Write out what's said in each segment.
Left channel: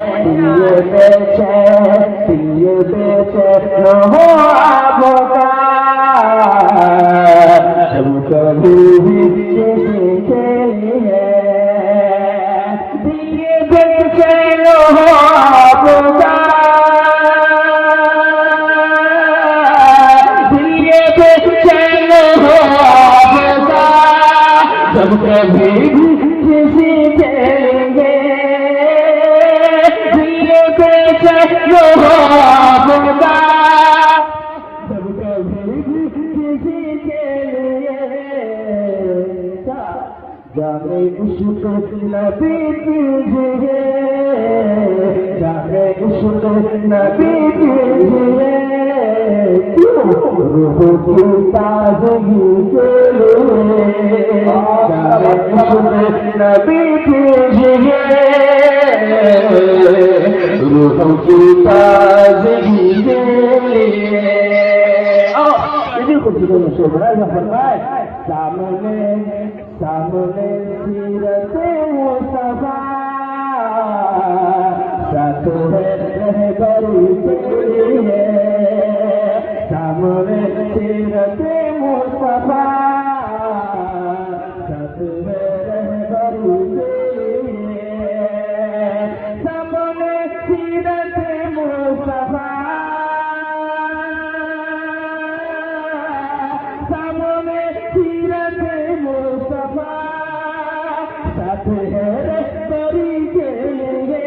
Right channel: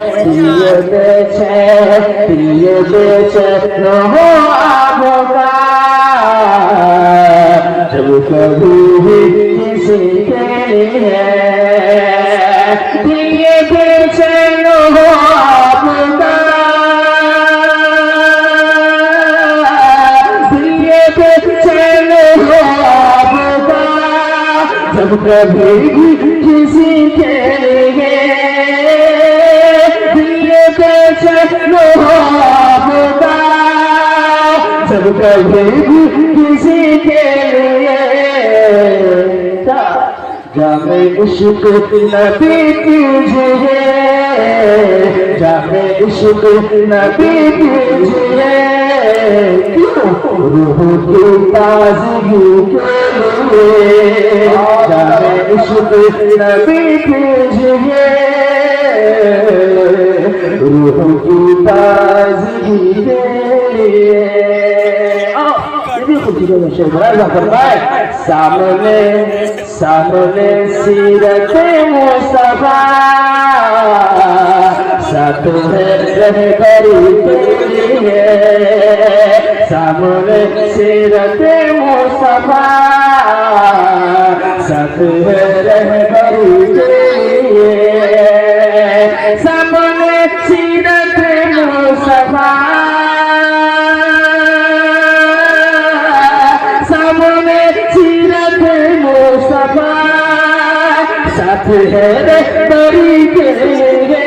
दिए बेचे लो आपका जब कभी भी किसी के लिए दिए बेचे लो आपका दिए बेचे लो आपका जब कभी भी किसी के लिए जब कभी भी किसी के लिए जामे इश्क नबी कीजिए जामे इश्क नबी कीजिए रूह की ताज़गी के लिए जामे इश्क नबी कीजिए रूह की ताज़गी के लिए सामने सामने सीरत मुस्तफा साथ है रहबरी के लिए सामने सीरत मुस्तफा साथ है रहबरी के लिए सामने सीरत मुस्तफा साथ है रहबरी के लिए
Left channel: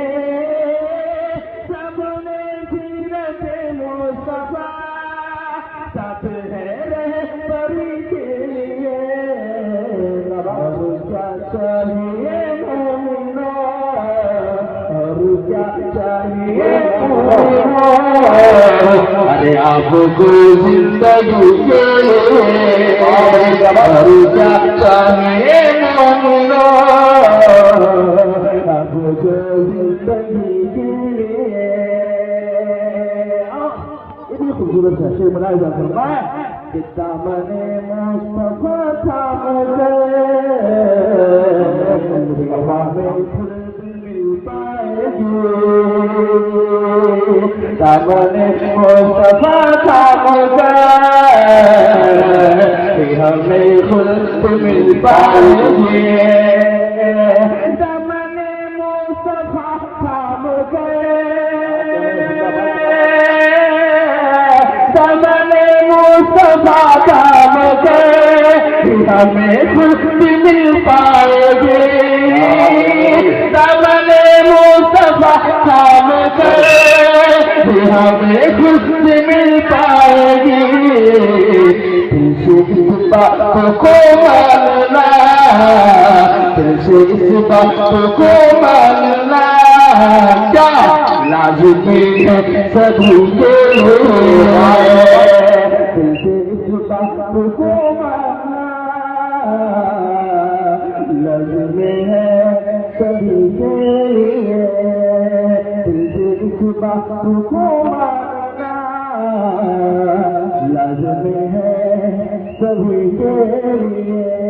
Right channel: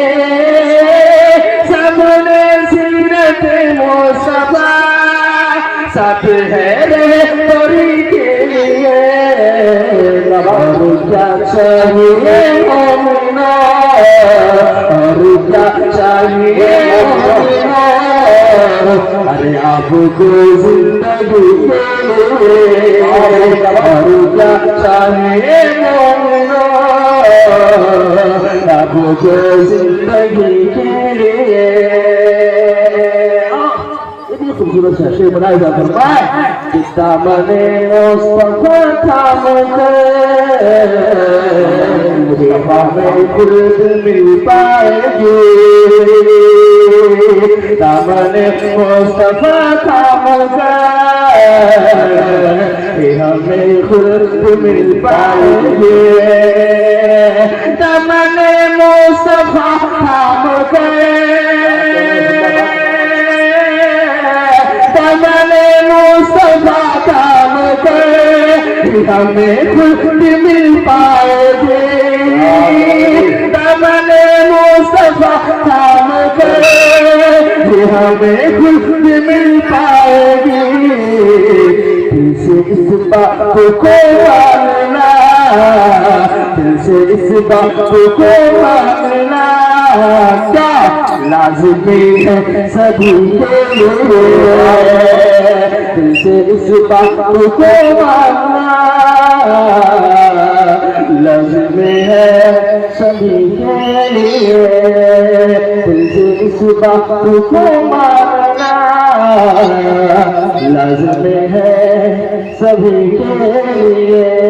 सामने सीरत मुस्तफा साथ है रहबरी के लिए और क्या चाहिए मोमिनो और क्या चाहिए मोमिनो अरे आपको जिंदगी के लिए और क्या चाहिए मोमिनो आपको जिंदगी के लिए खूबसूरत सा शेर बनाया जाता है जितना मने मुस्तफा थामते हमें खुद मिल पाएगी दामने मुस्तफा थामते हमें खुद मिल पाएगी दामने मुस्तफा थामते हमें खुद मिल पाएगी दामने मुस्तफा थाम के हमें खुद मिल पाएगी तुझसे इस बात को मानना तुझसे इस बात को मानना क्या लाज़मी है सभी के लिए तुझसे इस बात को मानना लाज़मी है सभी के लिए तुझसे इस बात को मानना लाज़मी है सभी के लिए